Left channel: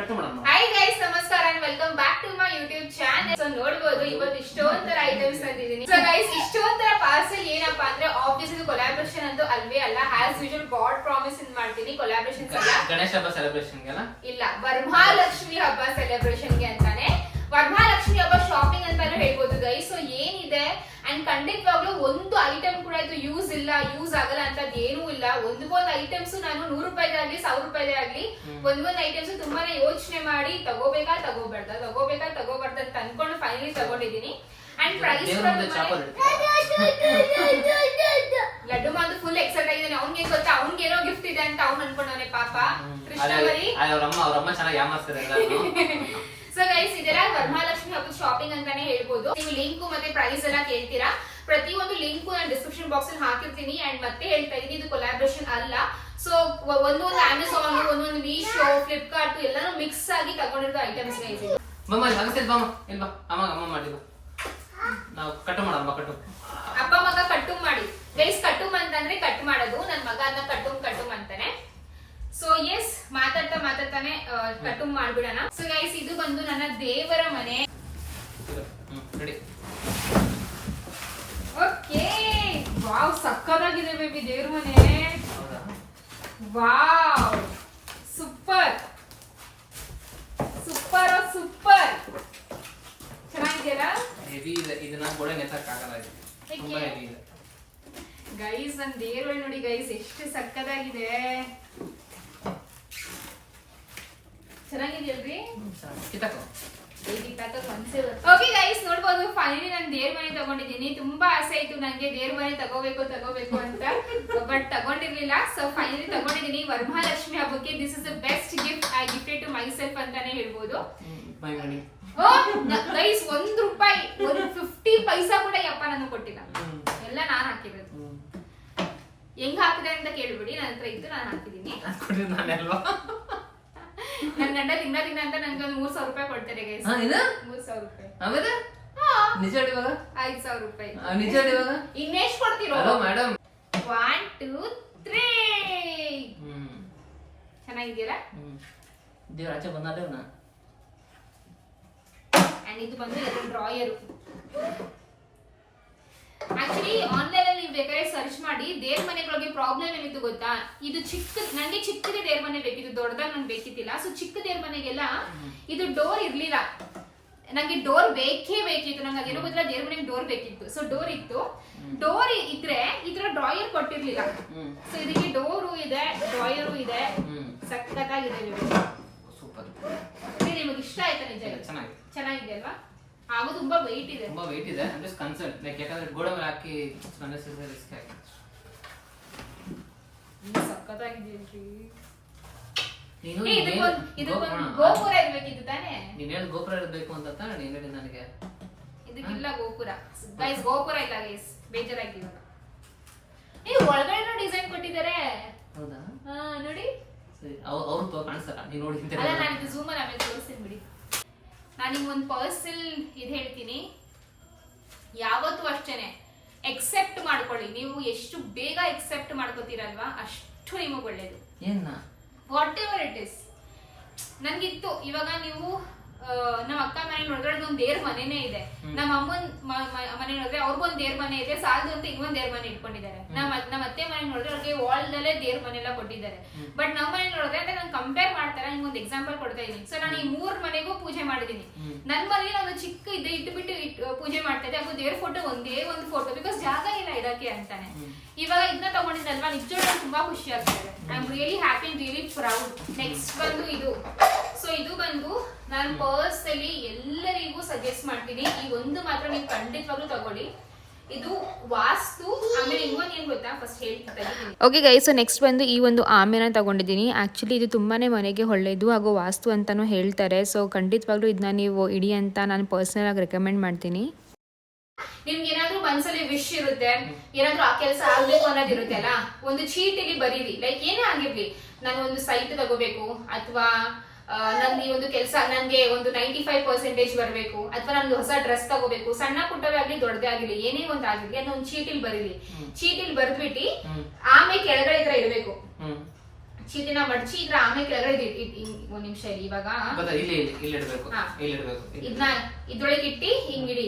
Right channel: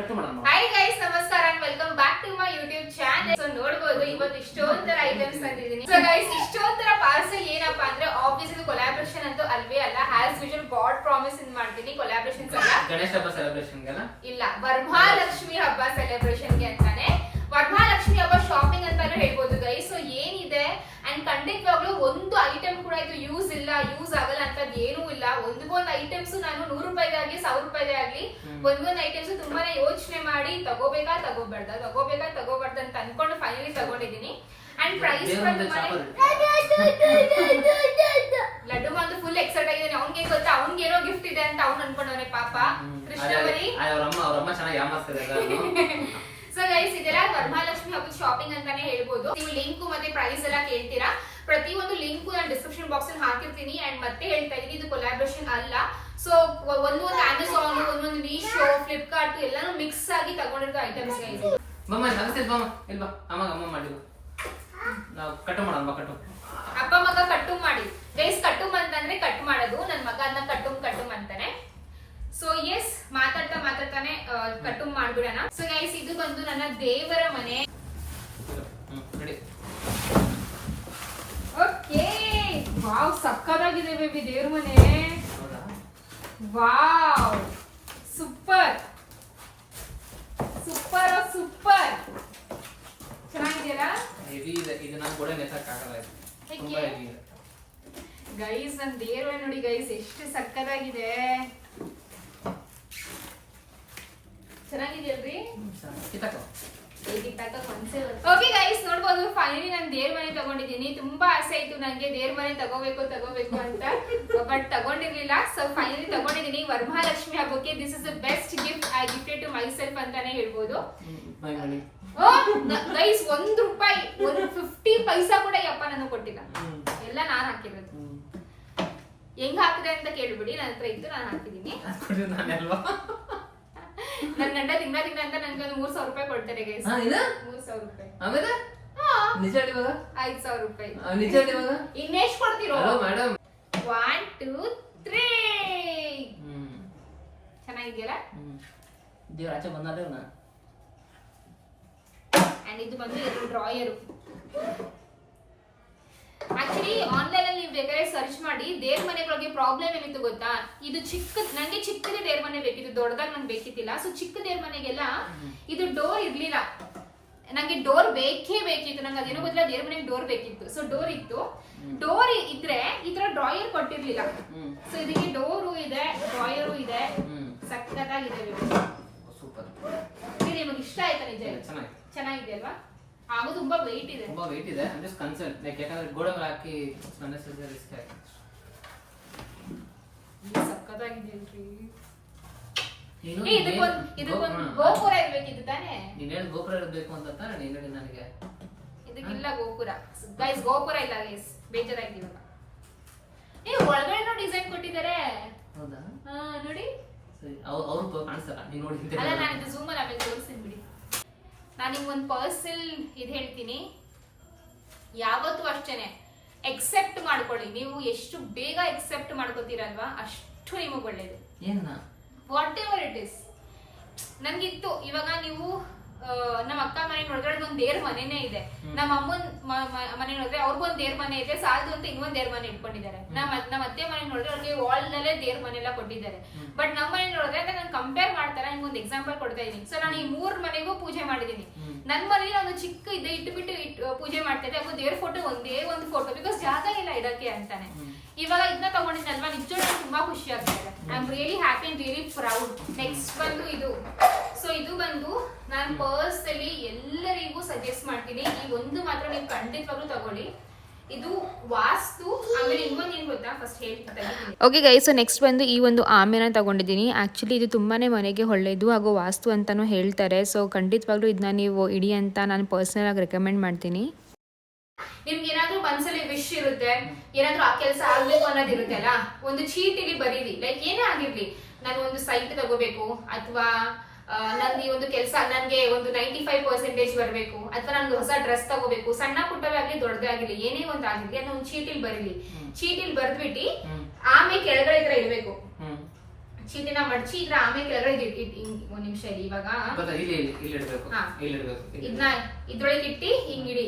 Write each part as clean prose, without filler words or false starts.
Hi guys, ನಮಸ್ಕಾರ and welcome back to my YouTube channel. So ನೋಡಬಹುದು ಇವತ್ತು ಇಷ್ಟೊಂದರ ಐಟಮ್ಸ್ ತಂದಿದ್ದೀನಿ. ಸೊ ಗೈಸ್, ಇಷ್ಟೊಂದರ ಪಾರ್ಸಲ್ ಏನಪ್ಪಾ ಅಂದ್ರೆ ಆಬ್ವಿಯಸ್ ಇದು ಕೊಲಾಬರೇಷನ್ ಅಂತೂ ಅಲ್ವೇ ಅಲ್ಲ. ಆಸ್ ಯೂಶುವಲ್ ಗಾಡ್ ಪ್ರಾಮಿಸ್ ಇಂದ ಮಾಡ್ತೀನಿ. ಕೊಲಾಬರೇಷನ್ಸ್ ಅಲ್ಲ, ಗಣೇಶ ಹಬ್ಬ ಸೆಲೆಬ್ರೇಷನ್ ಗೆ ಇಲ್ಲ, ವರಮಹಾಲಕ್ಷ್ಮಿ ಹಬ್ಬ ಸೆಲೆಬ್ರೇಷನ್ ಗೆ ಅಂತಾನೆ. ವರಮಹಾಲಕ್ಷ್ಮಿ ಹಬ್ಬ ಶಾಪಿಂಗ್ ಅಂತಾನು ಹೇಳ್ಬೋದು ಗೈಸ್. ಸೊ ಏನಿದೆ ಅಂಡ್ ಖಂಡಿತವಾಗ್ಲೂ ಒಂದು ಐಟಮ್ ಕೂಡ ಇದು ಯೂಸ್ ಆಗಲ್ಲ ಅಂತದ್ ಏನೂ ಇಲ್ಲ. ಒಂದೊಂದು ಐಟಮ್ಸ್ ನಾನು 100 ರೂಪಾಯಿಗಾಗ್ಲಿ 1000 ರೂಪಾಯಿದೇ ಆಗ್ಲಿ ಒಂದೊಂದು ಐಟಮ್ಸ್ ತುಂಬಾನೇ ಯೋಚನೆ ಮಾಡಿ ತಗೋಬೇಕಾ ತಗೋಬಾರ್ದ ಅಂತ ಅನ್ಕೊಂಡು ಫೈನಲಿ ತಗೊಂಡಿದ್ದೀನಿ. ಅಂಡ್ ಪ್ರೈಸ್ ಲಡ್ಡು ಮಾಂದು ಫುಲ್ ಎಕ್ಸೈಟ್ ಆಗಿದ್ದಾನೆ. ಅವ್ನಿಗೆ ಗೊತ್ತಾ ಅವ್ನಿಗೇನೋ ಗಿಫ್ಟ್ ಇದೆ ಅಂತ ಅವ್ನು ಅನ್ಕೊಂಡವನೆ ಪಾಪ. ಕೃಷ್ಣವರಿ ಅವ್ರಮ್ಮ ಚೆನ್ನಾಗಿ ಯಾಮಾರ್ಸ್ತಾರೆ ಎಲ್ಲಾರ್ಗೂ. ಸೊ ಗೈಸ್, ಇದೆಲ್ಲ ವರಮಹಾಲಕ್ಷ್ಮಿ ಹಬ್ಬದ ಶಾಪಿಂಗ್ ಅಂತಾನೆ ಹೇಳ್ಬೋದು. ನೀವು ಲಿಂಕ್ ಮತ್ತೆ ಪ್ರೈಸ್ ಎಲ್ಲ ಕೇಳ್ತೀರಾ, ಪ್ರತಿಯೊಂದು ಲಿಂಕ್ ನಾನು ಡಿಸ್ಕ್ರಿಪ್ಷನ್ ಬಾಕ್ಸ್ ಅಲ್ಲಿ ಹಾಕಿರ್ತೀನಿ. ಅಂಡ್ ಮತ್ತೆ ಹೇಳ್ತಾ ಇದೀನಿ, ಇದು ಕೊಲಾಬರೇಷನ್ ಅಲ್ಲ. ಸೊ ಒಂದು ಅಮೆಝಾನ್, ಒಂದು ಮೀಶೋ, ಫ್ಲಿಪ್ಕಾರ್ಟ್ ಎಲ್ಲಾನು ಮಿಕ್ಸ್ ಆಗಿ ತಗೊಂಡಿರೋ ಐಟಮ್ಸ್ ಗೈಸ್. ನಾವು ಕಟ್ಟು ಮಾಡಮ್ಮ, ಕಟ್ಟು ಅಪ್ಪ ಮಗ ಕಟ್ಟು ಮಾಡಿ ಗೈಸ್. ಕಟ್ಟು ಅಂತಂದ್ರೆ ಕಟ್ ಮಾಡೋದು. ನನ್ ಮಗ ಅದನ್ನ ಕಟ್ಟು ಅಂತಾನೆ. ಸೊ ಎಸ್, ಮಾತಾಡ್ತಾನೆ ಕಟ್ಟು ಮಾಡ್ಬಿಡೋಣ. ಸೊ ಗೈಸ್, ಇದು ಬಂದು ನನ್ನ ದೇವರ ಮನೆ. ಓಕೆ, ವಾವ್, ಸಕ್ಕತ್ತಾಗಿದೆ ಬೇಬಿ ದೇವ್ರ ಮನೆ. Wow, super ಚೆನ್ನಾಗಿದೆಯಲ್ಲ? ಹೆವಿ ಇದೆ, ಇದನ್ನ ಗೋಡೆ ನೆಸಕ್ಕಾಗಲ್ಲ, ತುಂಬಾ ಹೆವಿ ಇದೆ ಗೈಸ್. ನನ್ನ ದೇವ್ರ ಮನೆ ನೋಡಿ ಗೈಸ್, ಎಷ್ಟು ಸಕ್ಕತ್ತಾಗಿದೆ. ಚೆನ್ನಾಗಿದೆಯಲ್ರಿ? ಓಕೆ ಗೈಸ್, ನೋಡ್ಬೋದು ಫೈನಲಿ ನಾನು ದೇವ್ರ ಮನೆ ತಗೊಂಡಿದ್ದೀನಿ. ತುಂಬಾ ಆಸೆ ಆಯ್ತು ನಂಗೆ ದೇವ್ರ ಮನೆ ತಗೋಬೇಕು ಅಂತ, ಬಟ್ ತಗೊಂಡಿರ್ಲಿಲ್ಲ. ಸೊ ಫೈನಲಿ ತಗೊಂಡಿದ್ದೀನಿ ವರಮಹಾಲಕ್ಷ್ಮಿ ಹಬ್ಬಕ್ಕೆ. This is the best gift I gifted to myself ಅಂತಾನೆ ಹೇಳ್ಬೋದು. ಗೈಸ್, ₹1 50 ಪೈಸಾ ಕೂಡ ಯಪ್ಪ ನಾನು ಕೊಟ್ಟಿಲ್ಲ, ಎಲ್ಲ ನಾನು ಹಾಕಿರೋದು. ಹೆಂಗ್ ಹಾಕಿದೆ ಅಂತ ಕೇಳ್ಬಿಡಿ, ನನ್ನ ಹತ್ರ ಇದ್ದು ನಾನು ಹಾಕಿದ್ದೀನಿ. ನನ್ ಗಂಡ ತಿಂಗಳ ಅಂತ ನನ್ಗೆ ಒಂದು 3000 ರೂಪಾಯಿ ಕೊಡ್ತಾರೆ ಗೈಸ್. 3000 ರೂಪಾಯಿ. ಆಮೇಲೆ ನಿಜ ಹೇಳಿ ಇವಾಗ 5000 ರೂಪಾಯಿ. ನಿಜ ಹೇಳಿ ಇವಾಗ ಇನ್ನೆಷ್ಟು ಕೊಡ್ತೀರೋ? Hello madam. 1 2 3. ಚೆನ್ನಾಗಿದೆಯಲ್ಲ? ದೇವ್ರ ಆಚೆ ಬಂದಾದೇವ್ನ. ಅಂಡ್ ಇದು ಬಂದು ಡ್ರಾಯರು. ಆಕ್ಚುಲಿ ಆನ್ಲೈನ್ ಅಲ್ಲಿ ನೀವು ಬೇಕಾದ್ರೆ ಸರ್ಚ್ ಮಾಡಿ. ದೇವ್ರ ಮನೆಗಳಿಗೆ ಪ್ರಾಬ್ಲಮ್ ಏನಿತ್ತು ಗೊತ್ತಾ? ಇದು ನಂಗೆ ಚಿಕ್ಕದೇ ದೇವ್ರ ಮನೆ ಬೇಕಿತ್ತು, ದೊಡ್ಡದಾಗಿ ನಂಗೆ ಬೇಕಿತ್ತಿಲ್ಲ. ಸೊ ಚಿಕ್ಕ ದೇವ್ರ ಮನೆಗೆಲ್ಲ ಇದು ಡೋರ್ ಇರ್ಲಿಲ್ಲ. ನಂಗೆ ಡೋರ್ ಬೇಕಿತ್ತು. ನಂಗೆ ಅದೇನೋ ಗೊತ್ತಿಲ್ಲ, ದೇವ್ರ ಮನೆಗೆ ಡೋರ್ ಬೇಕಿತ್ತು. ಸೊ ಡೋರ್ ಇತ್ತು. ಡೋರ್ ಇದ್ರೆ ಈ ತರ ಡ್ರಾಯರ್ ಕೊಟ್ಟಿರ್ಲಿಲ್ಲ. ಸೊ ಇದಕ್ಕೆ ಡೋರು ಇದೆ, ಡ್ರಾಯರು ಇದೆ. ಸಕ್ಕತ್ತಾಗಿದೆ. ಸೂಪರ್. ನಿಮಗೆ ಇಷ್ಟ ಆಯ್ತಾ? ನಿಜ ಚೆನ್ನಾಗಿದೆ ಅಲ್ವಾ? ಹಾಗೂ ತುಂಬಾ ವೆಯ್ಟ್ ಇದೆ. ಅಂದ್ರೆ ಕನ್ಸರ್ನ್ ಲೈಕ್ ಯಾಕಂದ್ರೆ ಗೋಡೆ ಮೇಲೆ ಹಾಕಿ ರಿಸ್ಕ್ ಆಗಿದೆ. ಸಕ್ಕತ್ತಾಗಿದೆಯಲ್ರಿ? ಇದು ಗೋಪುರ ಇರ್ಬೇಕಿತ್ತು ತಾನೇ? ನೀನ್ ಹೇಳಿ ಗೋಪುರ ಇರಬೇಕು ಅಂತ ತಾನೇ ನೀನ್ ಹೇಳಿ ನನಗೆ. ಇದಕ್ಕಿಲ್ಲ ಗೋಪುರ ಗೈಸ್, ಗೋಪುರ ಇಲ್ಲ ಗೈಸ್, ಬೇಜಾರಾಗಿ ಇವಾಗ. ಒಳಗಡೆ ಡಿಸೈನ್ ಕೊಟ್ಟಿದ್ದಾರೆ. ಹೌದಾ? ನೋಡಿ. ಅವ್ರು ಕಾಣಿಸಲ್ಲ, ನೀನ್ ನೋಡಿ. ಅಲ್ಲ, ನಾನು ಇದು ಝೂಮ್ ಅಲ್ಲಿ ಆಮೇಲೆ ತೋರಿಸ್ತೀನಿ ಬಿಡಿ. ನಾನು ನಿಮ್ಗೆ ಒಂದು ಪರ್ಸನಲ್ ಇದು ಹೇಳ್ತೀನಿ. ಯಾವತ್ತೂ ಅಷ್ಟೇನೆ ಎಕ್ಸೆಪ್ಟ್ ಮಾಡ್ಕೊಳ್ಳಿ. ನೀವು ಎಷ್ಟು ಬೇಗ ಎಕ್ಸೆಪ್ಟ್ ಮಾಡ್ಕೋತೀರಲ್ವಾ, ಅಷ್ಟು ನಿಮಗೆ ಒಳ್ಳೇದು. Whatever it is. ನನ್ಗಿತ್ತು ಇವಾಗ ನೀವು ನಮ್ಮ ಅಕ್ಕ ಮನೆ ನೋಡಿದ್ರೆ ಒಂದು ದೇವ್ರ ಮನೆನೇ ಇದೆ. ನಮ್ಮ ಅಮ್ಮನ್ ಮನೆ ನೋಡಿದ್ರೆ ಅವ್ರಿಗೊಂದು ದೇವ್ರ ಮನೆ ಇದೆ, ಸಾಲದು ಅಂತ ಇನ್ನೊಂದ್ ದೇವ್ರ ಮನೆ ಇಟ್ಕೊಂಡಿದ್ದಾರೆ. ನಮ್ಮ ಅತ್ತೆ ಮನೆ ನೋಡಿದ್ರೆ ಅವ್ರಿಗೆ ವಾಲ್ ನಲ್ಲೇ ದೇವ್ರ ಮನೆ ಎಲ್ಲ ಕೊಟ್ಟಿದ್ದಾರೆ. ಬಟ್ ನಮ್ಮ ಮನೆ ನೋಡಿದ್ರೆ ಅಂದ್ರೆ ನಾನು ಕಂಪೇರ್ ಮಾಡ್ತಾರೆ. ನಿಮ್ಗೆ ಒಂದು ಎಕ್ಸಾಂಪಲ್ ಕೊಡ್ತಾ ಇದೀನಿ. ಸೊ ನಾನು ಈ 3 ಮನೆಗೂ ಪೂಜೆ ಮಾಡಿದೀನಿ. ನನ್ನ ಮನೇಲಿ ಒಂದು ಚಿಕ್ಕ ಇದೆ ಇಟ್ಬಿಟ್ಟು ಪೂಜೆ ಮಾಡ್ತಾ ಇದ್ದೆ. ಅದು ದೇವ್ರ ಫೋಟೋ ಒಂದೇ ಒಂದು ಫೋಟೋ, ಬಿಕಾಸ್ ಜಾಗ ಇಲ್ಲ ಇಡಕ್ಕೆ ಅಂತಾನೆ. ಇವಾಗ ಇದನ್ನ ತಗೊಂಡಿದ್ದಲ್ವಾ, ನಿಜವಾಗ್ಲೂ ತುಂಬಾ ಖುಷಿ ಆಗ್ತಿದೆ. I am really happy and really proud. Next ಬಂದು ಇದು. ಸೊ ಇದು ಬಂದು ನಾನು ಪರ್ಸನಲಿ ಎಲ್ಲರಿಗೂ ಸಜೆಸ್ಟ್ ಮಾಡ್ತೀನಿ. ಈ ಒಂದು ಮಾತ್ರ ನೀವು ಖಂಡಿತವಾಗ್ಲೂ ತಗೊಳ್ಳಿ. ಇದು ವಾಸ್ತು. ಆಮೇಲೆ ಇನ್ನೊಂದು ಏನ್ ಗೊತ್ತಾ, ಫಸ್ಟ್ ಹೇಳ್ತೀನಿ. ಓಕೆ ಗೈಸ್, ಸೊ ನೆಕ್ಸ್ಟ್ ಬಂದು ಈ ಒಂದು ಆಮೆನ ತಗೊಂಡಿದ್ದೀನಿ. ಆ್ಯಕ್ಚುಲಿ ಇದು ತುಂಬಾ ಮನೆಗೆ ಒಳ್ಳೆಯದು ಹಾಗೂ ವಾಸ್ತು ಅಂತಲೂ ಹೇಳ್ತಾರೆ. ಸೊ ಖಂಡಿತವಾಗ್ಲೂ ಇದನ್ನ ನೀವು ಇಡಿ ಅಂತ ನಾನು ಪರ್ಸನಲ್ ಆಗಿ ರೆಕಮೆಂಡ್ ಮಾಡ್ತೀನಿ. ನಿಮ್ಗೆ ಏನಾದ್ರೂ ಮನ್ಸಲ್ಲಿ ವಿಶ್ ಇರುತ್ತೆ, ಏನಾದ್ರೂ ಆ ಕೆಲಸ ಆಗ್ಬೇಕು ಅನ್ನೋದಿರುತ್ತೆ ಅಲ್ಲ, ಒಂದು ಚೀಟಿಲಿ ಬರೀರಿ. ಲೈಕ್ ಏನೇ ಆಗಿರ್ಲಿ, ನಾನು ಒಂದು ಸೈಟ್ ತಗೋಬೇಕು, ಅಥವಾ ನನ್ಗೆ ಒಂದು ಕೆಲಸ, ನನ್ಗೆ ಒಂದು 95% ಬರಬೇಕು, ಅಥವಾ ನನ್ಗೆ ಹೊಸ ಡ್ರೆಸ್ ತಗೋಬೇಕು, ಸಣ್ಣ ಪುಟ್ಟವೇ ಆಗ್ಲಿ ದೊಡ್ಡದೇ ಆಗಿರ್ಲಿ, ಏನೇ ಒಂದು ಆಗಿರ್ಲಿ, ಅದನ್ನ ಒಂದು ಚೀಟಿಲ್ ಬರೀರಿ. ಚೀಟಿಲ್ ಬರ್ದ್ಬಿಟ್ಟು ಆಮೇಲೆ ಕೆಳಗಡೆ ಇದ್ರ ಇಡ್ಬೇಕು. ಚೀಟಿನ ಮಡಚಿ ಇದ್ರ ಆಮೇಲೆ ಕೆಳಗಡೆ ಒಂದ್ ನಿಮಿಷ ಇವಾಗ ಗೊತ್ತಾ, ಇಲ್ಲಿ ಇಡಬೇಕು, ಹಾ. ಇಲ್ಲಿ ಇಡಬೇಕು. ಇದನ್ನ ಇದ್ರೊಳಗೆ ಇಟ್ಟಿ ಹಿಂಗಿಡಿ.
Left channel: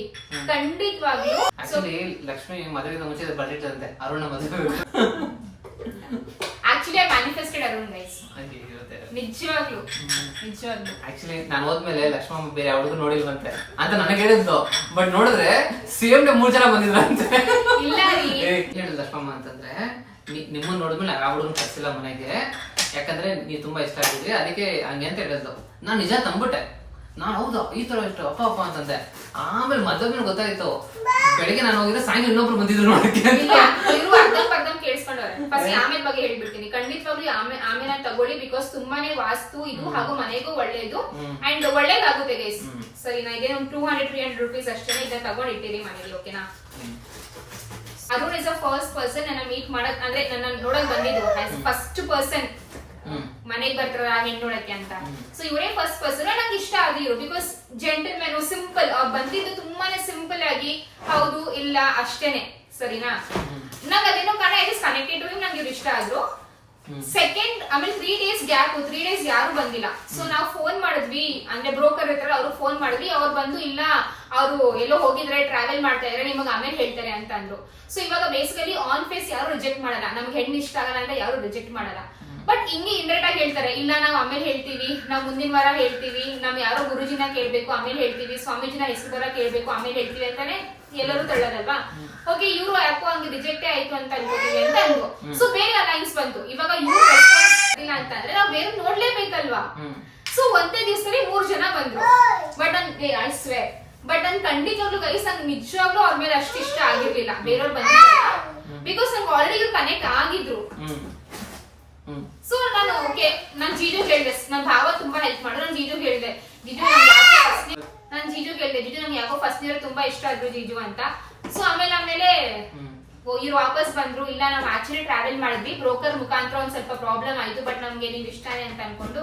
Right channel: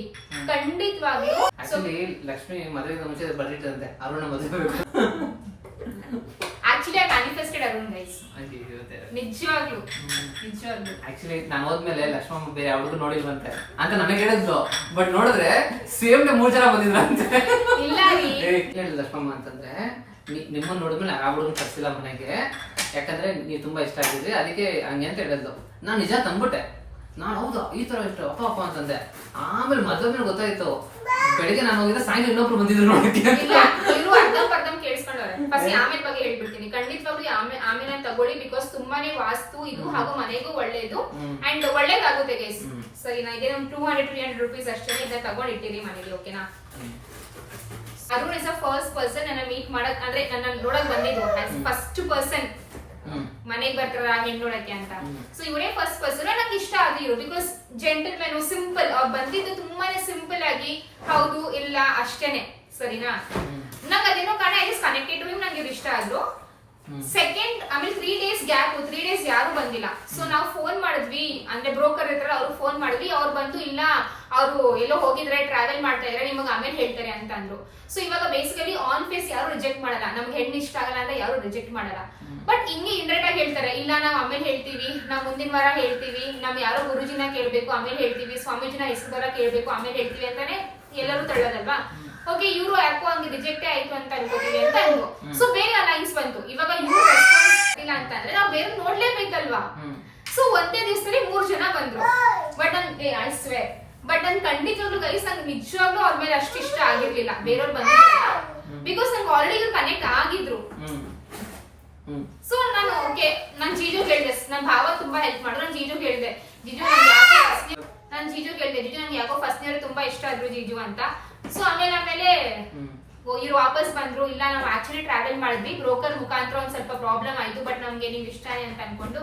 ಖಂಡಿತವಾಗ್ಲೂ ಆಕ್ಚುಲಿ ಲಕ್ಷ್ಮಿ ಮದುವೆಗೆ ಮುಂಚೆ ಬರ್ದಿಟ್ಟಂತೆ ಅರುಣ ಮದುವೆ actually I manifested Arun guys. ನಿಜವಾಗ್ಲೂ ಆಕ್ಚುಲಿ ನಾನು ಹೋದ್ಮೇಲೆ ಲಕ್ಷ್ಮಮ್ಮ ಬೇರೆ ಯಾವ್ದು ನೋಡಿಲ್ವಂತೆ ಅಂತ ನನಗೆ ಹೇಳಿದ್ದು. ಬಟ್ ನೋಡಿದ್ರೆ ಸೇಮ್ ಡೇ 3 ಜನ ಬಂದಿದ್ರಂತೆ. ಇಲ್ಲ ರೀ ಹೇಳಿದ್ರು ಲಕ್ಷ್ಮಮ್ಮ ಅಂತಂದ್ರೆ, ನಿಮ್ಮನ್ನ ನೋಡಿದ್ಮೇಲೆ ನಾನು ಆ ಹುಡುಗನ ಕರ್ಸಿಲ್ಲ ಮನೆಗೆ, ಯಾಕಂದ್ರೆ ನೀವು ತುಂಬಾ ಇಷ್ಟ ಆಗಿದ್ರಿ, ಅದಕ್ಕೆ ಹಂಗೆ ಅಂತ ಹೇಳಿದ್ದು. ನಾನು ನಿಜ ತಂದ್ಬಿಟ್ಟೆ. ನಾನು ಹೌದಾ ಈ ತರ ಇಷ್ಟು ಅಪ್ಪ ಅಂತಂದೆ. ಆಮೇಲೆ ಮದುವೆ ಗೊತ್ತಾಯ್ತು. ಬೆಳಿಗ್ಗೆ ನಾನು ಹೋಗಿದ್ರೆ ಸಾಯಂಕಾಲ ಇನ್ನೊಬ್ರು ಬಂದಿದ್ರು ನೋಡಕ್ಕೆ. ಇವರು ಅರ್ಧಂ ಕೇಳಿಸ್ಕೊಂಡವ್ರೆ. ಫಸ್ಟ್ ಆಮೇಲೆ ಬಗ್ಗೆ ಹೇಳ್ಬಿಡ್ತೀನಿ. ಖಂಡಿತವಾಗ್ಲೂ ಆಮೇಲೆ ತಗೊಳ್ಳಿ, ಬಿಕಾಸ್ ತುಂಬಾನೇ ವಾಸ್ತು ಇದು ಹಾಗೂ ಮನೆಗೂ ಒಳ್ಳೇದು ಅಂಡ್ ಒಳ್ಳೇದಾಗುತ್ತೆ ಗೈಸ್. ಸರಿನಾ? ಇದೇ ಒಂದು 200-300 ರೂಪೀಸ್ ಅಷ್ಟೇ. ಇದನ್ನ ತಗೊಂಡಿಟ್ಟಿರಿ ಮನೇಲಿ, ಓಕೆನಾ? Arun is a first person ನನ್ನ ಮೀಟ್ ಮಾಡಕ್, ಅಂದ್ರೆ ನನ್ನ ನೋಡಕ್ ಬಂದಿದ್ದು ಫಸ್ಟ್ ಪರ್ಸನ್ ಮನೆಗೆ ಬರ್ತಾರ ಹೆಣ್ಣೊಳಕ್ಕೆ ಅಂತ. ಸೊ ಇವರೇ ಫಸ್ಟ್ ಪರ್ಸನ್. ನಂಗೆ ಇಷ್ಟ ಆದಿರು ಬಿಕಾಸ್ ಜೆಂಟಲ್ ಮ್ಯಾನ್, ಸಿಂಪಲ್. ಬಂದಿದ್ದು ತುಂಬಾನೇ ಸಿಂಪಲ್ ಆಗಿ ಹೌದು ಇಲ್ಲ ಅಷ್ಟೇನೆ. ಸರಿನಾ? ನಂಗೆ ಅದೇನೋ ಕಾರಣ I just connected to him. ನಂಗೆ ಇವ್ರು ಇಷ್ಟ ಆದ್ರು. ಸೆಕೆಂಡ್ ಆಮೇಲೆ 3 ಡೇಸ್ ಗ್ಯಾಪ್, 3 ಡೇಸ್ ಯಾರು ಬಂದಿಲ್ಲ. ಸೊ ನಾವು ಫೋನ್ ಮಾಡಿದ್ವಿ, ಅಂದ್ರೆ ಬ್ರೋಕರ್ ಇರ್ತಾರೆ, ಅವ್ರು ಫೋನ್ ಮಾಡಿದ್ವಿ. ಅವ್ರು ಬಂದು ಇಲ್ಲ ಅವರು ಎಲ್ಲೋ ಹೋಗಿದ್ರೆ, ಟ್ರಾವೆಲ್ ಮಾಡ್ತಾ ಇದ್ರೆ, ನಿಮಗೆ ಆಮೇಲೆ ಹೇಳ್ತಾರೆ ಅಂತ ಅಂದ್ರು. ಸೊ ಇವಾಗ ಬೇಸಿಕಲಿ ಆನ್ ಫೇಸ್ ಯಾರು ರಿಜೆಕ್ಟ್ ಮಾಡಲ್ಲ. ನಮ್ಗೆ ಹೆಣ್ಣು ಇಷ್ಟ ಆಗಲ್ಲ ಅಂತ ಯಾರು ರಿಜೆಕ್ಟ್ ಮಾಡಲ್ಲ. ಬಟ್ ಹಿಂಗೆ ಇಂಡೈರೆಕ್ಟ್ ಆಗಿ ಹೇಳ್ತಾರೆ, ಇಲ್ಲ ನಾವ್ ಆಮೇಲೆ ಹೇಳ್ತೀವಿ, ನಾವ್ ಮುಂದಿನ ವಾರ ಹೇಳ್ತೀವಿ, ನಾವ್ ಯಾರೋ ಗುರುಜಿನ ಕೇಳ್ಬೇಕು ಆಮೇಲೆ ಹೇಳ್ತೀವಿ, ಸ್ವಾಮೀಜಿನ ಹೆಸರು ಕೇಳ್ಬೇಕು ಆಮೇಲೆ ಹೇಳ್ತೀವಿ ಅಂತಾನೆ ಎಲ್ಲರೂ ತಳ್ಳೋದಲ್ವಾ. ಓಕೆ, ಇವ್ರು ಯಾಕೋ ಹಂಗೆ ರಿಜೆಕ್ಟೇ ಆಯ್ತು ಅಂತ ಅನ್ಕೋತೀವಿ ಅಂತ ಅಂದ್ರು. ಸೊ ಬೇರೆ ಅಲೈನ್ಸ್ ಬಂತು. ಇವಾಗ ಇವ್ರು ರೆಸ್ಪಾನ್ಸ್ ಇಲ್ಲ ಅಂತಂದ್ರೆ ನಾವ್ ಬೇರೆ ನೋಡ್ಲೇಬೇಕಲ್ವಾ. ಸೊ ಒಂದೇ ದಿವಸದಲ್ಲಿ 3 ಜನ ಬಂದ್ರು. ಬಟ್ ಐ ಸ್ವೇರ್, ಬಟ್ ನನ್ ಖಂಡಿತವಾಗ್ಲೂ ಗೈಸ್ ನಂಗೆ ನಿಜವಾಗ್ಲೂ ಅವ್ರ ಮೇಲೆ ಅಷ್ಟು ಇಷ್ಟ ಆಗಿರ್ಲಿಲ್ಲ. ಬೇರೆಯವ್ರು ಬಂದಿಲ್ಲ ಬಿಕಾಸ್ ನಂಗೆ ಆಲ್ರೆಡಿ ಇವ್ರು ಕನೆಕ್ಟ್ ಆಗಿದ್ರು. ಸೊ ನಾನು ಓಕೆ, ನಾನು ಜೀಜು ಹೇಳಿದೆ, ನನ್ನ ಭಾವ ತುಂಬಾ ಹೆಲ್ಪ್ ಮಾಡಿದ್ರು. ನಾನು ಜೀಜು ಹೇಳಿದೆ, ಜೀಜು ನಂಗೆ ಯಾಕೋ ಫಸ್ಟ್ ಇಯರ್ ತುಂಬಾ ಇಷ್ಟ ಆದ್ರು ಜೀಜು ಅಂತ. ಸೊ ಆಮೇಲೆ ಇವ್ರು ವಾಪಸ್ ಬಂದ್ರು. ಇಲ್ಲ ನಾವು ಆಕ್ಚುಲಿ ಟ್ರಾವೆಲ್ ಮಾಡಿದ್ವಿ, ಬ್ರೋಕರ್ ಮುಖಾಂತರ ಒಂದ್ ಸ್ವಲ್ಪ ಪ್ರಾಬ್ಲಮ್ ಆಯ್ತು, ಬಟ್ ನಮ್ಗೆ ನೀವ್ ಇಷ್ಟನೇ ಅಂತ ಅನ್ಕೊಂಡು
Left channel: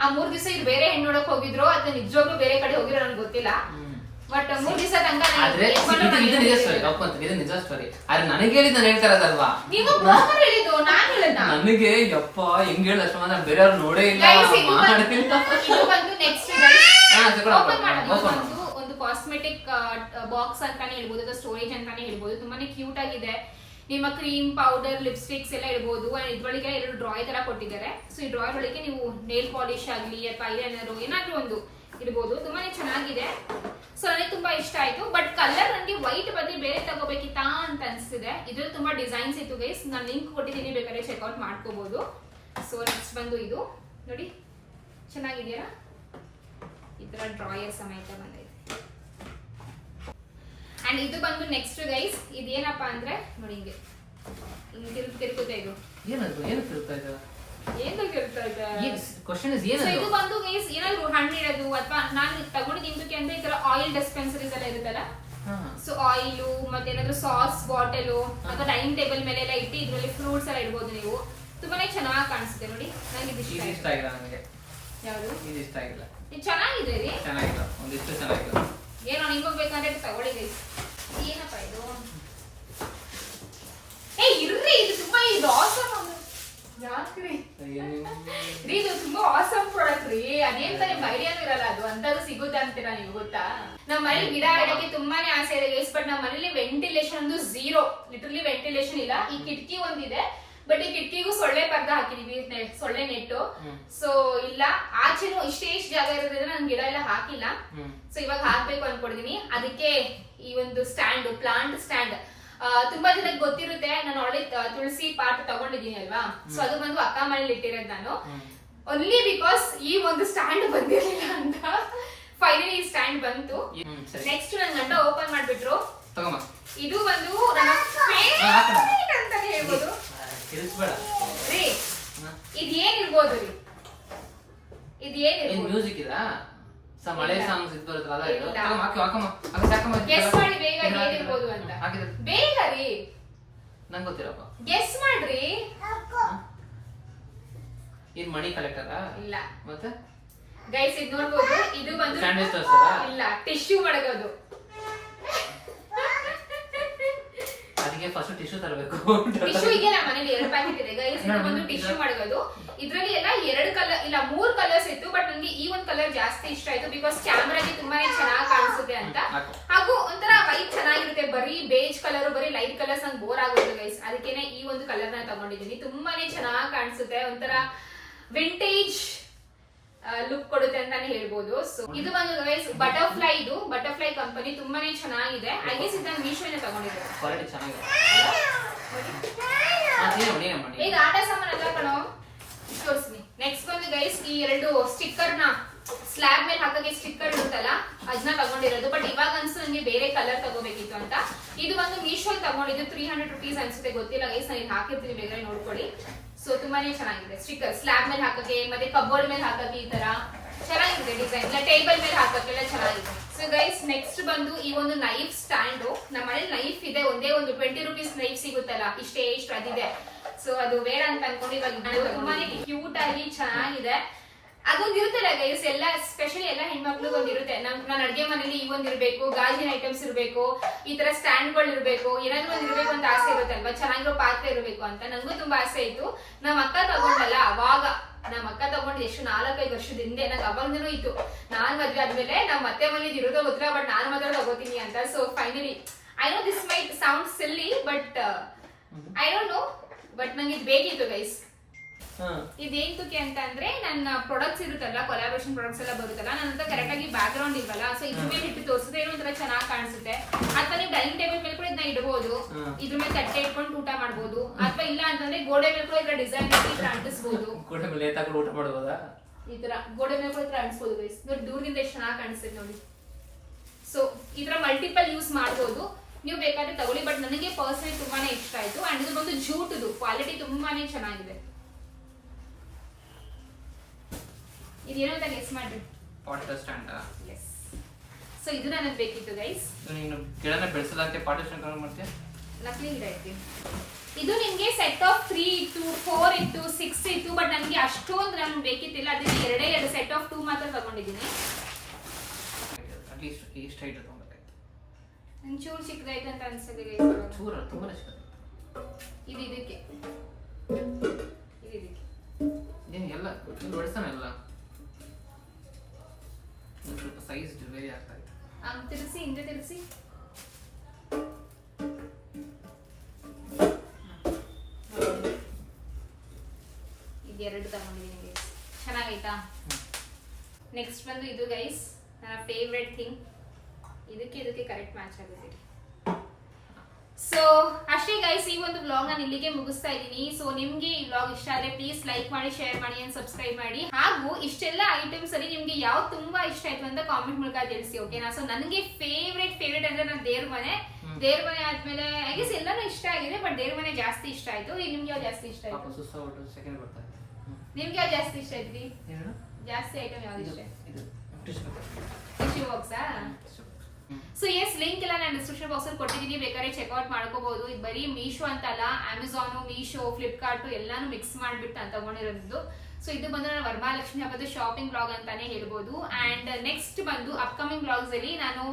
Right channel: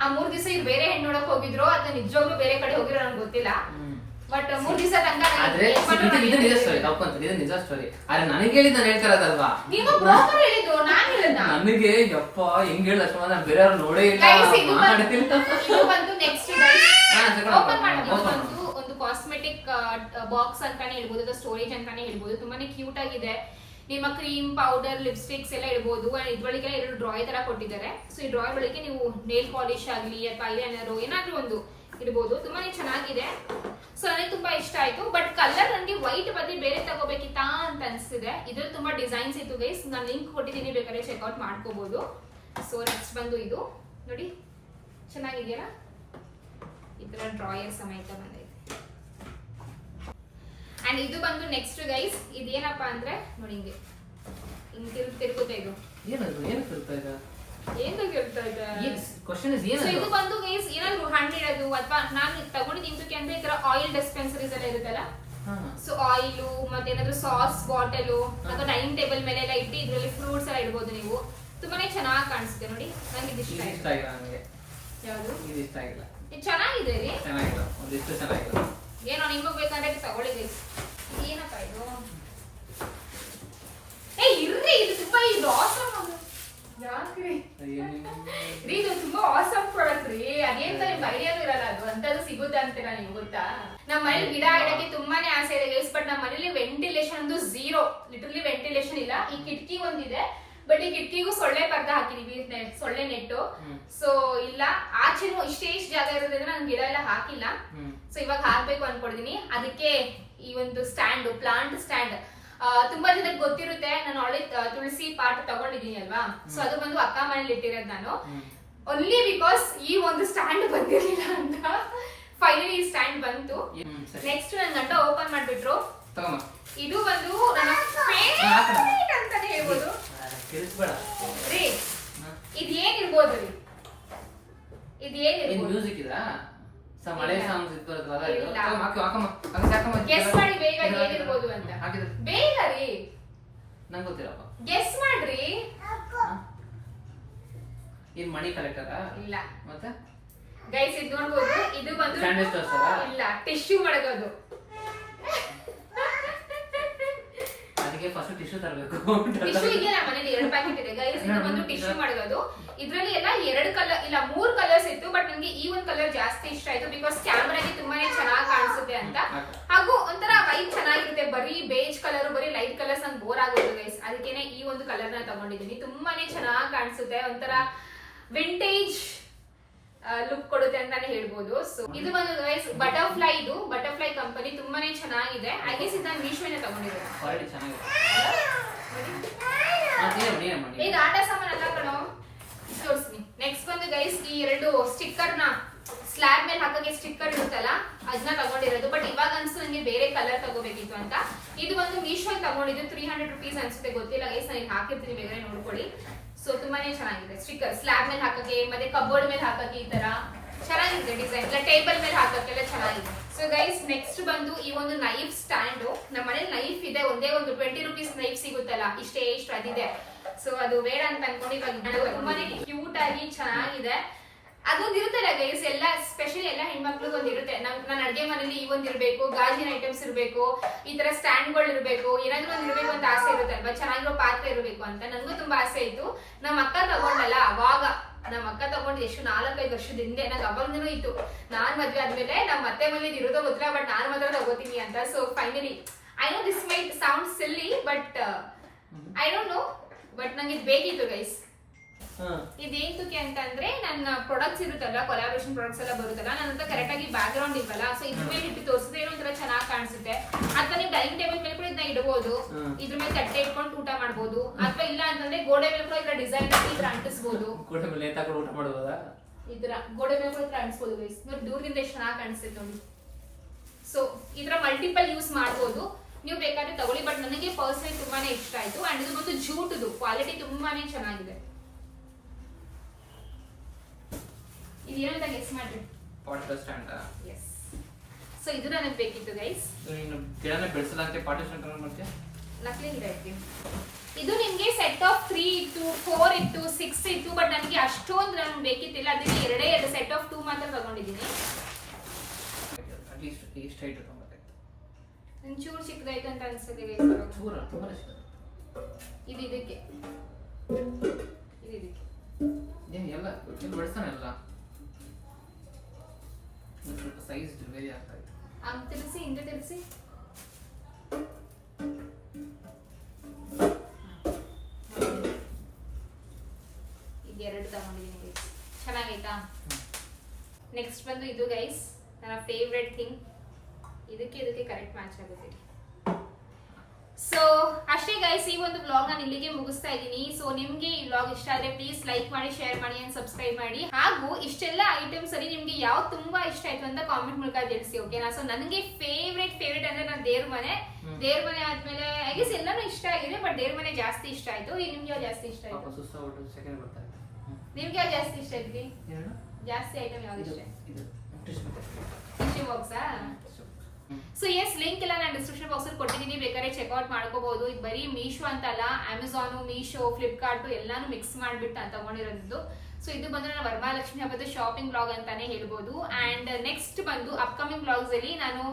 ಆ 3 ದಿವಸ ಇವ್ರು ಬೇರೆ ಹೆಣ್ಣು ನೋಡಕ್ ಹೋಗಿದ್ರು. ಅದು ನಿಜವಾಗ್ಲೂ ಬೇರೆ ಕಡೆ ಹೋಗಿರೋ ನಂಗೆ ಗೊತ್ತಿಲ್ಲ. ಬಟ್ 3 ದಿವಸ ತನಕ ನಿಜ ಸ್ಟೋರಿ. ಆದ್ರೆ ನನಗೆ ಹೇಳಿದ್ ನಾನು ಹೇಳ್ತಾ ಇರೋದಲ್ವಾ, ನೀವು ಬ್ರೋಕರ್ ಹೇಳಿದ್ದು, ನಾನು ಹೇಳಿದ್ನ. ನನಗೆ ಯಪ್ಪ ಹೆಂಗ್ ಹೇಳ ಲಕ್ಷ್ಮಣ, ನಾನು ಬೇರೆಯವ್ರು ನೋಡೇ ಇಲ್ಲ. ಒಂದು ಕಾಸ್ಮೆಟಿಕ್ ಬಾಕ್ಸ್ ಅಂತಾನೆ ಹೇಳ್ಬೋದು, ಸ್ಟೋರೇಜ್ ಅಂತಾನೆ ಹೇಳ್ಬೋದು. ತುಂಬಾನೇ ಕ್ಯೂಟ್ ಆಗಿದೆ. ನಿಮ್ಮ ಕ್ರೀಮ್, ಪೌಡರ್, ಲಿಪ್ಸ್ಟಿಕ್ಸ್ ಎಲ್ಲ ಇಡ್ಬೋದು. ಅಂಡ್ ಇದ್ರೊಳಗೆ 2 ಡ್ರಾಯರ್ ತರ ಕೊಟ್ಟಿದ್ದಾರೆ. ಸೊ ಈ ಡ್ರಾಯರ್ ಒಳಗೆ ನೀವು ನೇಲ್ ಪಾಲಿಶ್ ಆಗ್ಲಿ ಅಥವಾ ಐಲೈನರ್ ಏನಾದ್ರೂ ಒಂದು ಇಡ್ಬೋದು. ತುಂಬಾನೇ ಚೆನ್ನಾಗಿದೆ. ಸೊ ನನಗೆ ತುಂಬಾ ಇಷ್ಟ ಆಯ್ತು. ಬಟ್ ಕಲರ್ ನನಗೆ ವೈಟ್ ಬದಲಿ ಬೇರೆ ತಗೋಬೇಕಿತ್ತಾ ಅಂತ ಅನ್ಸ್ತಿದೆ. ಇದ್ರಲ್ಲಿ ತುಂಬಾ ಡಿಸೈನ್ಸ್ ಇತ್ತು ಗೈಸ್, ನಾನು ಲಿಂಕ್ ಕೊಟ್ಟಿದ್ದೀನಿ, ಬೇಕಾದ್ರೆ ಚೆಕ್ಔಟ್ ಮಾಡ್ಕೋಬಹುದು. ಸೊ ನೆಕ್ಸ್ಟ್ ಬಂದು ಇದು ನೋಡಿ, ಚೆನ್ನಾಗಿದೆಯಲ್ಲ, ಇದರ ಡ್ರಾಯರ್ ಸಮೇತ ಬಂದೈತೆ. ಅಂಡ್ ಇದು ಬಂದು ನೆಕ್ಸ್ಟ್ ಗೈಸ್, ಇದೇನಪ್ಪಾ ಅಂದ್ರೆ ನೋಡಿ, ಹಿಂಗೆ ತಿರುಗುತ್ತೆ. ಇದು ಇದು ಬಂದು ಗೈಸ್ ಏನಾದ್ರು ಹಣ್ಣು ಇರೋದು ಅಥವಾ ನಾನು ತಗೊಂಡಿದ್ದು ಇಂತಕ್ಕೆ ಅಂದ್ರೆ ಈ ತರ ಆಯಿಲ್ ಡಿಸ್ಪೆನ್ಸರೀಸ್ ಎಲ್ಲ ಇರುತ್ತಲ್ಲ. ಸೊ ಆಯಿಲು ಮತ್ತೆ ಏನಾದ್ರು ಸಾಸ್ ಬಾಟಲು ಅಥವಾ ಡೈನಿಂಗ್ ಟೇಬಲ್ ಮೇಲೆ ಎಲ್ಲ ಇಟ್ಟು ಇದ್ರಲ್ಲಿ ಫ್ರೂಟ್ಸ್ ಎಲ್ಲ ಇಡ್ಬೋದು ನೀವು. ತುಂಬಾನೇ ಚೆನ್ನಾಗಿ ಕಾಣಿಸುತ್ತೆ ನೋಡಿ. ನಂಗೆ ಇದು ಇಷ್ಟ ಆಗಿಲ್ಲ. ಯಾವುದು ಇಷ್ಟ ಆಗಿಲ್ಲ. ಇದು ಚೆನ್ನಾಗಿದೆ ರೀ, ಚೆನ್ನಾಗಿಲ್ಲ, ಒಂದಿಷ್ಟು ಚೆನ್ನಾಗಿಲ್ಲ. ಏನೋ ನಿಮಗೆ ಬೇಕಾದ್ರೆ ತಗೊಳ್ಳಿ ಗೈಸ್. ಏನಪ್ಪ ಇದು? ಇರ್ರಿ, ಇದು ತುಂಬಾ ಇದು ಆಸಮ್. ಯಾಕ್ರಿ ಇದು ತುಂಬಾ ಆಸಮ್ ಪ್ರಾಡಕ್ಟ್ ರೀ. ಅದೇಂತ ನಿಮ್ಗೆ ಐಡಿಯಾನು ಇರಲ್ಲ ಅದು ಅಂತದ್ದು ಸಿಗುತ್ತೆ ಅಂತೀರಾ ನೀವು, ಗೊತ್ತಾ? ನಮ್ಮ ಮನೇಲಿ ಗಿಡ ಇಡಕ್ಕೆ ತುಂಬಾನೇ ಆಸೆ ಇದೆ ಗೈಸ್. ಬಟ್ ನಮ್ಮ ಮನೇಲಿ ವೆಂಟಿಲೇಷನ್ ಒಂದು 0, ಲಿಟರಲಿ ವೆಂಟಿಲೇಷನ್ ಇಲ್ಲ. ಈ ಕಿಟಕಿ ಒಂದಿದೆ, ಬಟ್ ಈ ಕಿಟಕಿಗೂ ಸೊಳ್ಳೆ ಪರ್ದ ಹಾಕಿದೀವಿ, ಸೊಳ್ಳೆ ನೆಟ್ಟು. ಸೊ ಇಲ್ಲ, ಆಚೆನೂ ಇಷ್ಟೇ ಜಾಗ ಇರೋದ್ರಿಂದ ನಾನು ಗಿಡ ಎಲ್ಲ ಹಾಕಿಲ್ಲ. ಸೊ ಇವಾಗ ಹಾಕ್ಬೇಕು ಅನ್ಕೊಡ್ತೀನಿ. ಅದಕ್ಕೆ ಈ ಒಂದು ಸ್ಟ್ಯಾಂಡ್, ಪ್ಲಾಂಟ್ ಸ್ಟ್ಯಾಂಡ್, ತುಂಬಾ ಜನಕ್ಕೆ ಗೊತ್ತಿರುತ್ತೆ. ನಾನು ಆಲ್ರೆಡಿ ತುಳಸಿ ಪಾಟ್ ತಗೊಂಡಿದ್ದೀನಿ ಅಲ್ವಾ. ಸೊ ಅದು ಬಂದು ಅಕ್ಕ ಮನೇಲಿ ಇಟ್ಟಿರೋದು ನಾನು. ಓನ್ಲಿ ಬಿಕಾಸ್ ಈ ಒಂದು ಸ್ಟ್ಯಾಂಡ್ ಬಂದಿರಲಿಲ್ಲ ಅಂತ ಫೈನಲಿ ಈ ಸ್ಟ್ಯಾಂಡ್ ಬಂತು. ನೆಕ್ಸ್ಟ್ ನನ್ನ ಗಂಟ ಓಪನ್ ಮಾಡ್ಬಿಟ್ರು. ಇದು ಬಂದು ನನ್ನ ಫೇವರೇಟ್ ಅಂತಾನೆ ಹೇಳ್ಬೋದು ರೀ. ಇದೇನಿರ್ಬೋದು ರೀ? ಇದೇನಿರ್ಬೋದು? ಮ್ಯೂಸಿಕ್ ಇದಾ? ಮಳೆ ಸಾಂಗ್ಸ್ ಇತ್ತು ಬರುತ್ತಲ್ಲ, ಗೆಸ್ ಮಾಡಿ ಬೇಗ ಏನಿರ್ಬೋದು ಅಂತ. ಬೇಗ ರೀ, ನಂಗೆ ಗೊತ್ತಿರಪ್ಪ. ಗೆಸ್ ಮಾಡ್ರಿ. ಇದು ಮಣಿ ಕಲೆಕ್ಟರಾ? ಇಲ್ಲ. ಮತ್ತೆ ಗೈಸ್ ಇದು ನೋಡ್ಬೋದು. ಇದು ಬಂದು ಇಲ್ಲ, ಟಿಶ್ಯೂ ಮಡಗೋದು. ಅದಕ್ಕೆ ಫಸ್ಟ್ ಟಿಶ್ಯೂ ತರಬೇಕು. ಟಿಶ್ಯೂ ಇದೆಯಲ್ಲ ಮನೇಲಿ 2 ಪ್ಯಾಕೆಟ್ ಇದೆ ಗೈಸ್. ಇದು ಬಂದು ಟಿಶ್ಯೂ ಮಡಗೋದು. ಇದ್ರಲ್ಲಿ ಎಲ್ಲ 2 ಕಲರ್ ಇಲ್ಲ 3 ಕಲರ್ಸ್ ಇತ್ತು, ಬಟ್ ನನಗೆ ಈ ಒಂದು ಕಲರ್ ಜಾಸ್ತಿ ಇಷ್ಟ ಆಯ್ತು ಬಿಕಾಸ್ ಕ್ಯಾಮ್ರಾಗೆ ತುಂಬಾನೇ ಚೆನ್ನಾಗಿ ಕಾಣಿಸುತ್ತೆ ಅಂತ. ಹಾಗೂ ಒಂಥರ ವೈಟ್ ಚೆನ್ನಾಗಿರುತ್ತೆ. ಬರೀ ಬೇಜ್ ಕಲರ್ ಬರೀ ಲೈಟ್ ಕಲರ್ಸ್ ನಂಗೆ ಬೋರ್ ಆಗೋದು ಗೈಸ್, ಅದಕ್ಕೇನೆ ಈ ಒಂದು ಕಲರ್ ನ ತಗೊಂಡಿದ್ದೀನಿ. ತುಂಬಾನೇ ಚೆನ್ನಾಗಿ ಕಾಣಿಸುತ್ತೆ, ಒಂಥರ ವಿಂಟೇಜ್ ಲುಕ್ ಕೊಡುತ್ತೆ ಅಂತಾನೆ ಹೇಳ್ಬೋದು. ಸೊ ಇದು ಒಂದು ಗೈಸ್ ಬಟರ್ಫ್ಲೈ ಕಂಪನಿ ತುಂಬಾನೇ ಚೆನ್ನಾಗಿದೆ. ಐ ಗೆಸ್ ಇದನ್ನ ಮೀಶೋನೇ ತಗೊಂಡಿದ್ದಾರೆ. ಈಗ ಆಟ ಸಾಮಾನು ಎಲ್ಲ ಕಣೋ ತೋರಿಸ್ತೀನಿ. ನೆಕ್ಸ್ಟ್ ಬಂದು ಗೈಸ್ ಈ 2 ಸ್ಟಿಕ್ಕರ್ ನ ಸ್ಲ್ಯಾಬ್ ಮೇಲೆ ಹಾಕಕ್ಕೆ ಸ್ಟಿಕ್ಕರ್ ಇರುತ್ತಲ್ಲ ಅದನ್ನ ತಗೊಂಡಿರೋದು. ಬಟ್ ಇವಾಗ ಅನ್ಸು ನನಗೆ ಬೇರೆ ಕಲರ್ ತಗೋಬೇಕಿತ್ತು ಅಂತ. ಇದು ಬಂದು ಮೀಶೋ ತಗೊಂಡಿದ್ದು 300 rupees ಅನ್ಸುತ್ತೆ, ಗೊತ್ತಿಲ್ಲ ಗೈಸ್, ನಾನು ಇಲ್ಲಿ ಹಾಕಿರ್ತೀನಿ, ಬೇಗ ನೋಡ್ಕೊಳ್ಳಿ. ಸೊ ತುಂಬಾನೇ ಚೆನ್ನಾಗಿದೆ ಸ್ಟಿಕ್ಕರ್. ಸ್ಲ್ಯಾಬ್ ಮೇಲೆ ಹಾಕಕ್ಕೆ ಮತ್ತೆ ಕಬೋರ್ಡ್ ಮೇಲೆ ಹಾಕಕ್ಕೆ ಈ ತರ ಚೆನ್ನಾಗಿದೆ ಡಿಸೈನ್. ಇಲ್ಲ ಟೇಬಲ್ ಮೇಲೆ ಹಾಕಕ್ಕೆಲ್ಲ ಚೆನ್ನಾಗಿದೆ. ಸೊ ಗೈಸ್ ನೆಕ್ಸ್ಟ್ ಬಂದು ಈ ಒಂದು ನೈಫ್ ಸ್ಟ್ಯಾಂಡ್. ನಮ್ಮ ಮನೇಲಿ ನೈಫ್ ಇದೆ, ಒಂದೇ ಒಂದು 20 rupees ನೈಫ್ ಸಿಗುತ್ತಲ್ಲ, ಇಷ್ಟು ಅದಿದೆ. ಸೊ ಅದು ಬೇಡ ಅಂತ ಅನ್ಕೊಂಡು ಇವಾಗ ತುಂಬಾನೇ ಕ್ಯೂಟ್ ಆಗಿ ಚೆನ್ನಾಗಿದೆ. ಅದೊಂದು ಇರುತ್ತಲ್ಲ ಗೈಸ್, ಎಲ್ಲ ಸ್ಪೆಷಲಿ ಎಲ್ಲ ಹೆಣ್ಮಕ್ಳಿಗೆ ಒಂದು ಇರುತ್ತೆ. ನನ್ನ ಅಡ್ಗೆ ಮನೇಲಿ ಈ ಒಂದು ಇರ್ಬೇಕು, ಗಾಜಿನ ಐಟಮ್ಸ್ ಇರ್ಬೇಕು, ಈ ತರ ಸ್ಟ್ಯಾಂಡ್ಗಳು ಇರ್ಬೇಕು, ಏನಾದ್ರು ಒಂದು ಇರ್ಬೇಕು ಅಂತ ಆಸೆ ಇರುತ್ತಲ್ವಾ, ಚೆನ್ನಾಗಿರೋ ಪಾತ್ರೆ ಇರಬೇಕು ಅಂತ. ನನಗೂ ತುಂಬಾ ಆಸೆ ಇತ್ತು. ನಮ್ಮ ಅಕ್ಕ ತಗೊಂಡಲ್ಲ ಅವಾಗ, ನಮ್ಮ ಅಕ್ಕ ತಗೊಂಡು ಎಷ್ಟು 4-5 ವರ್ಷದ ಹಿಂದೆ, ನಂಗೆ ಅವಾಗನೂ ಇತ್ತು. ನಾನ್ ಮದ್ವೆ ಆದ್ಮೇಲೆ ನಮ್ಮ ಅತ್ತೆ ಮನೇಲಿ ಇರೋದೋ ಗೊತ್ತಿಲ್ಲ, ಬಟ್ ನಾನು ಮಾತ್ರ ತಗೋತೀನಿ ಅಂತ. So finally I know this mite sound silly, but I don't know, but ನಂಗೆ ಇದು ಬೇಕಿತ್ತು ಗೈಸ್. ಇದೇಂತಕ್ಕೆ ಅಂತ ಅಂದ್ರೆ ನನ್ನ ಪ್ರಾಡಕ್ಟ್ಸ್ ಇರುತ್ತಲ್ಲ, ಕೊಲಾಬ್ರೇಷನ್ ಪ್ರಾಡಕ್ಟ್ಸ್ ಎಲ್ಲ ಬರುತ್ತಲ್ಲ, ನನ್ನ ಹತ್ರ ಕರೆಕ್ಟ್ ಆಗಿ ಬ್ಯಾಕ್ ಗ್ರೌಂಡ್ ಇಲ್ವಲ್ಲ. ಸೊ ಇದ್ರ ಮೇಲೆ ಇಟ್ಟು ತೋರಿಸಿದ್ರೆ ಏನೋ ಒಂಥರ ಚೆನ್ನಾಗಿ ಕಾಣಿಸುತ್ತೆ. ಅಥವಾ ನೀವು ಡೈನಿಂಗ್ ಟೇಬಲ್ ಮೇಲೆ ಕೂಡ ಇದನ್ನ ಇಡಬಹುದು, ಇದ್ರ ಮೇಲೆ ತಟ್ಟೆ ಇಟ್ಕೊಂಡು ಊಟ ಮಾಡಬಹುದು. ಅಥವಾ ಇಲ್ಲ ಅಂತಂದ್ರೆ ಗೋಡೆ ಮೇಲೆ ಕೂಡ ಇದ್ರ ಡಿಸೈನ್ ಈ ತರ ಅಂಟಿಸಬಹುದು. ಗೋಡೆ ಮೇಲೆ ಊಟ ಮಾಡಬಹುದಾ? ಈ ತರ ಗೋಡೆ ಮೇಲೆ ಕೂಡ ಅಂಟಿಸಬಹುದು ಗೈಸ್. ನೋಡಿ ದೂರದಿಂದ ಎಷ್ಟು ಚೆನ್ನಾಗಿ ಕಾಣಿಸುತ್ತೆ ನೋಡಿ. ಸೊ ಈ ತರ ಮಲ್ಟಿಪಲ್ ಯೂಸ್ ಮಾಡಬಹುದು, ನೀವು ಬೇಕಾದ್ರೆ ತಗೊಳ್ಳಿ. ಬಟ್ ನನಗೆ ಪರ್ಸನಲಿ ತುಂಬಾನೇ ಇಷ್ಟ ಆಯ್ತು. ಅಂಡ್ ಇದು ಬಂದು ಜೂಟ್ದು ಕ್ವಾಲಿಟಿ ತುಂಬಾನೇ ಚೆನ್ನಾಗಿದೆ. ಇದೇನು ಅಂತ ಗೆಸ್ ಮಾಡ್ರಿ. Pot stand. ಎಸ್. ಸೊ ಇದು ನನಗೆ ಬೇಕಿತ್ತು ಗೈಸ್. ನೀನು ಗಿಡನ ಬೆಳೆಸಲಂತೆ ಪಾಟ್ ಸ್ಟ್ಯಾಂಡ್ ತಗೊಂಡು ಮಾಡ್ತೀಯ? ನಕಲಿ ಗಿಡ ಇತ್ತು. ಇದು ನಿಮಗೆ ಸೆಟ್ ಆಫ್ 3 ಇತ್ತು, 4 ಇತ್ತು, 6 ಇತ್ತು. ಬಟ್ ನನಗೆ ಅಷ್ಟೊಂದು ನನಗೆ ಬೇಕಿತ್ತಿಲ್ಲ, ಅದಕ್ಕೆ 2 ಸೆಟ್ ಆಫ್ 2 ಮಾತ್ರ ತಗೊಂಡಿದ್ದೀನಿ. ಅಟ್ಲೀಸ್ಟ್ ಇಷ್ಟು ಹೈಟ್ ತಗೊಂಡ್ಬೇಕಾಯ್ತು. ಒಂಚೂರು ಚಿಕ್ಕದಾಯ್ತು ಅಂತ ಅನ್ಸುತ್ತೆ ಗೈಸ್. ಚೂರ ತುಂಬಾ ಚಿಕ್ಕದು. ಇದು ಇದಕ್ಕೆ ಏನು ಎಲ್ಲ ಏನು ಬೆಳೆಸ್ತಾನೆ ಎಲ್ಲ ಸ್ವಲ್ಪ ಸೈಜ್ ವೇರಿ ಆಗ್ತಾ ಇತ್ತು. ಹಂಗೆ ತಿರ್ಸಿ, ಹಿಂದೆ ತಿರ್ಸಿ. ಇದೆರಡು ತಗೊಂಡಿದ್ದೀನಿ ಗೈಸ್, ಚೆನ್ನಾಗೈತಾ? ನೆಕ್ಸ್ಟ್ ಬಂದು ಇದು ಗೈಸ್ ನನ್ನ ಫೇವ್ರೆಟ್ ಥಿಂಗ್. ಇದಕ್ಕೆ ಕರೆಕ್ಟ್ ಮ್ಯಾಚ್ ಆಗುತ್ತೆ. ಸೊ ಅಷ್ಟೇ ಗೈಸ್, ಈ ಒಂದು ವ್ಲಾಗ್ ನಾನು ಇಲ್ಲಿಗೆ ಮುಗಿಸ್ತಾ ಇದ್ದೀನಿ. ಸೊ ನಿಮ್ಗೆ ಈ ವ್ಲಾಗ್ ಇಷ್ಟ ಆದ್ರೆ ಪ್ಲೀಸ್ ಲೈಕ್ ಮಾಡಿ, ಶೇರ್ ಮಾಡಿ ಅಂಡ್ ಸಬ್ಸ್ಕ್ರೈಬ್ ಮಾಡಿ. ಹಾಗೂ ಇಷ್ಟೆಲ್ಲ ಐಟಮ್ಸ್ ಅಲ್ಲಿ ನಿಮ್ಗೆ ಯಾವ್ದು ತುಂಬಾ ಇಷ್ಟ ಆಯ್ತು ಅಂತ ಕಾಮೆಂಟ್ ಮೂಲಕ ತಿಳಿಸಿ, ಓಕೆನಾ? ಸೊ ನನಗೆ ಫೇವ್ರೆಟ್ ಅಂದ್ರೆ ನಾನು ದೇವ್ರ ಮನೆ ಆದ್ಮೇಲೆ ಐ ಗೆಸ್ ಎಲ್ಲಾನು ಇಷ್ಟ ಆಗಿದೆ, ಬಟ್ ದೇವ್ರ ಮನೆ ಜಾಸ್ತಿ ಇಷ್ಟ ಆಯ್ತು. ಈಗ ನಿಮ್ಗೆ ಯಾವ್ದು ಜಾಸ್ತಿ ಇಷ್ಟ ಆಯ್ತು? ಸೆಕೆಂಡ್ ಬರ್ತಾ ಇದೆ. ನಿಮ್ಗೆ ಯಾವ್ದು ಜಾಸ್ತಿ ಇಷ್ಟ ಆಯ್ತು? ಜಾಸ್ತಿ ಐಟಮ್ ಯಾವ್ದು ಇಷ್ಟ? ಟಿಶ್ಯೂ ಬಾಕ್ಸಾ? ಸೊ ಎಸ್, ಲಿಂಕ್ ಎಲ್ಲ ನಾನು ಡಿಸ್ಕ್ರಿಪ್ಷನ್ ಬಾಕ್ಸ್ ಅಲ್ಲಿ ಕೊಟ್ಟಿದ್ದೀನಿ, ಬೇಕಾದ್ರೆ ಚೆಕ್ಔಟ್ ಮಾಡ್ಕೋಬಹುದು. ಇದು ಬರೀ ಮೀಶೋ ಅಂತಲ್ಲ, ಅಮೆಝಾನ್, ಮೀಶೋ, ಫ್ಲಿಪ್ಕಾರ್ಟ್ ಎಲ್ಲಾನು ಮಿಕ್ಸ್ ಮಾಡ್ಬಿಟ್ಟು ನಾನು ತಗೊಂಡಿರೋದು. ಸೊ ಇದು ಬಂದು ನನ್ನ ವರಮಹಾಲಕ್ಷ್ಮಿ ಹಬ್ಬದ ಶಾಪಿಂಗ್ ಬ್ಲಾಗ್ ಅಂತಾನೆ ಹೇಳ್ಬೋದು. ಅಂಡ್ ನೆಕ್ಸ್ಟ್ ಬಂದು ಅಪ್ಕಮಿಂಗ್ ಬ್ಲಾಗ್ಸ್ ಅಲ್ಲಿ ನಾನು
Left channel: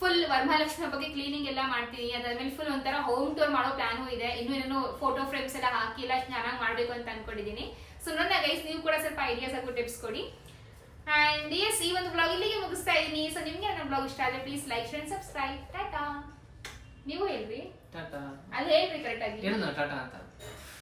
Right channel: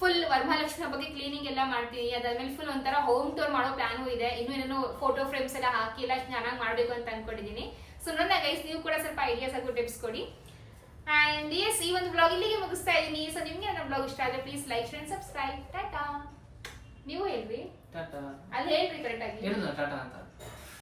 ಫುಲ್ ವರಮಹಾಲಕ್ಷ್ಮಿ ಹಬ್ಬಕ್ಕೆ ಕ್ಲೀನಿಂಗ್ ಎಲ್ಲ ಮಾಡ್ತೀನಿ. ಅದಾದ್ಮೇಲೆ ಫುಲ್ ಒಂಥರ ಹೋಮ್ ಟೂರ್ ಮಾಡೋ ಪ್ಲಾನು ಇದೆ. ಇನ್ನೇನು ಫೋಟೋ ಫ್ರೇಮ್ಸ್ ಎಲ್ಲ ಹಾಕಿ ಎಲ್ಲ ಚೆನ್ನಾಗಿ ಮಾಡ್ಬೇಕು ಅಂತ ಅನ್ಕೊಂಡಿದ್ದೀನಿ. ಸೊ ನನ್ನ ಗೈಸ್, ನೀವು ಕೂಡ ಸ್ವಲ್ಪ ಐಡಿಯಾಸ್ ಹಾಗೂ ಟಿಪ್ಸ್ ಕೊಡಿ. ಅಂಡ್ ಎಸ್, ಈ ಒಂದು ಬ್ಲಾಗ್ ಇಲ್ಲಿಗೆ ಮುಗಿಸ್ತಾ ಇದ್ದೀನಿ. ಸೊ ನಿಮ್ಗೆ ನನ್ನ ಬ್ಲಾಗ್ ಇಷ್ಟ ಆದ್ರೆ please like, share, subscribe. Tata. ನೀವು ಹೇಳ್ರಿ, ಟಾಟಾ ಅಲ್ಲಿ ಹೇಳ್ರಿ ಕರೆಕ್ಟ್ ಆಗಿ. ಟಾಟಾ ಅಂತ.